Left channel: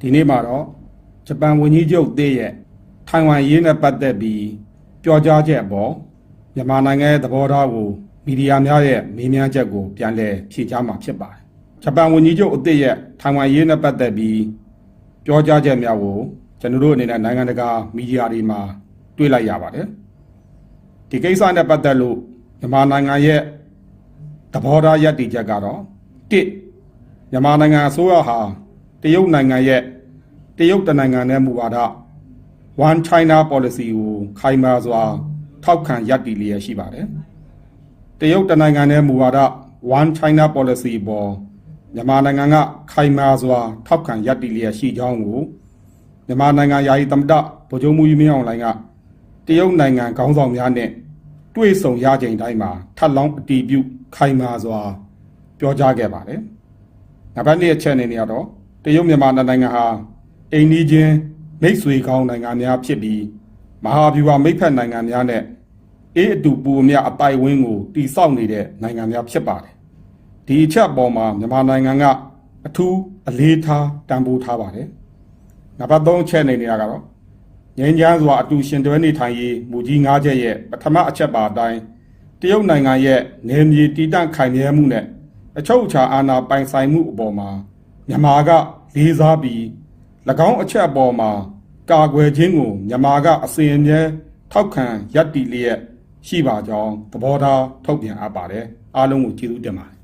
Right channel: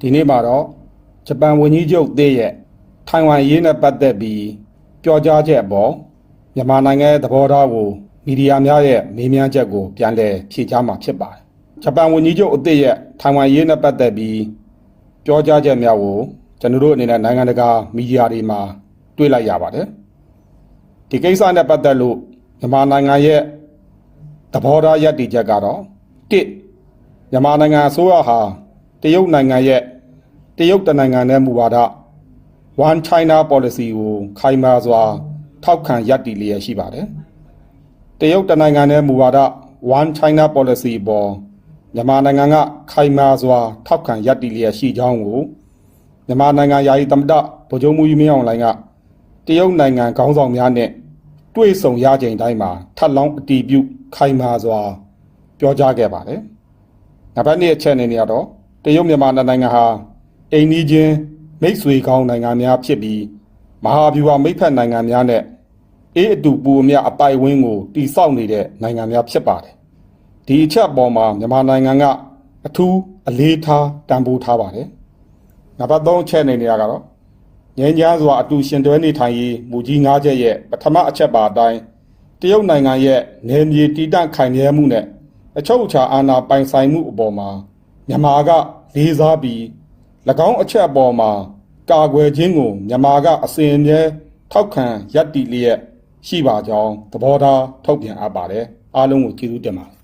ဒီနေ့မှာတော့ဂျပန်ဝန်ကြီးချုပ်သစ်ရဲ့ထိုင်ဝမ်ရေးနဲ့ပတ်သက်ပြီးပြောကြားချက်အပေါ်မြန်မာနိုင်ငံရဲ့သဘောထားကိုမီဒီယာများရဲ့မေးမြန်းချက်ကိုပြန်လည်ဖြေကြားမှာဖြစ်ပါတယ်။ဂျပန်ဝန်ကြီးချုပ်အသစ်ရဲ့ထိုင်ဝမ်ရေးနဲ့ပတ်သက်ပြီးပြောကြားချက်များကိုကျွန်တော်တို့အနေနဲ့နိုင်ငံတကာမီဒီယာတွေမှာတွေ့လိုက်ရပါတယ်။ဒီကိစ္စနဲ့ပတ်သက်လို့မြန်မာနိုင်ငံရဲ့သဘောထားရပ်တည်ချက်ကတော့တစ်မြန်မာနိုင်ငံအစိုးရဟာတရုတ်နိုင်ငံရဲ့တရုတ်တနိုင်ငံနဲ့မူဝါဒ One China Policy ကိုခိုင်မာစွာထောက်ခံရပ်တည်လျက်ရှိပါတယ်။တရုတ်တနိုင်ငံနဲ့မူဝါဒ One China Policy ပေါ်မြန်မာနိုင်ငံကခိုင်မာစွာထောက်ခံရပ်တည်လျက်ရှိကြောင်းကိုမြန်မာနိုင်ငံယာယီသမ္မတဗိုလ်ချုပ်မှူးကြီးမင်းအောင်လှိုင်ကတရုတ်နိုင်ငံခေါင်းဆောင်များနဲ့တွေ့ဆုံရချိန်တိုင်းမှာထပ်လောင်းအတည်ပြုခိုင်မာစွာပြောကြားခဲ့ပါတယ်။နောက်တစ်အချက်အနေနဲ့ကတော့တရုတ်မြန်မာနိုင်ငံဟာအိမ်နီးချင်းမိတ်ဆွေကောင်းနိုင်ငံများဖြစ်ပြီးမဟာဗျူဟာမိတ်ဖက်နိုင်ငံများနဲ့အေးအတူပူအမြအပိုင်ဝင်းကိုတည်ဆောက်နေတဲ့နိုင်ငံများဖြစ်ပါတယ်။ဒီအချက်အပေါ်မှာမြန်မာနိုင်ငံကအထူးအလေးထားတန်ဖိုးထားပါတယ်။နောက်တစ်အချက်အနေနဲ့ကတော့ငြိမ်းချမ်းစွာအတူရှင်တွဲနေထိုင်ရေးမူကြီး၅ချက်ရဲ့ပထမအချက်ပါအတိုင်းတရုတ်နိုင်ငံရဲ့နယ်မြေတည်တံ့ခိုင်မြဲမှုနဲ့အချုပ်အခြာအာဏာပိုင်ဆိုင်မှုအပေါ်မှာမြန်မာကလေးစားပြီး၎င်းအချက်အပေါ်မှာကာကွယ်ခြင်းကိုမြန်မာကအစဉ်အမြဲထောက်ခံရပ်တည်လျက်ရှိပါကြောင်းသဘောထားထုတ်ပြန်အပ်ပါတယ်အားလုံးကိုကျေးဇူးတင်ပါတယ်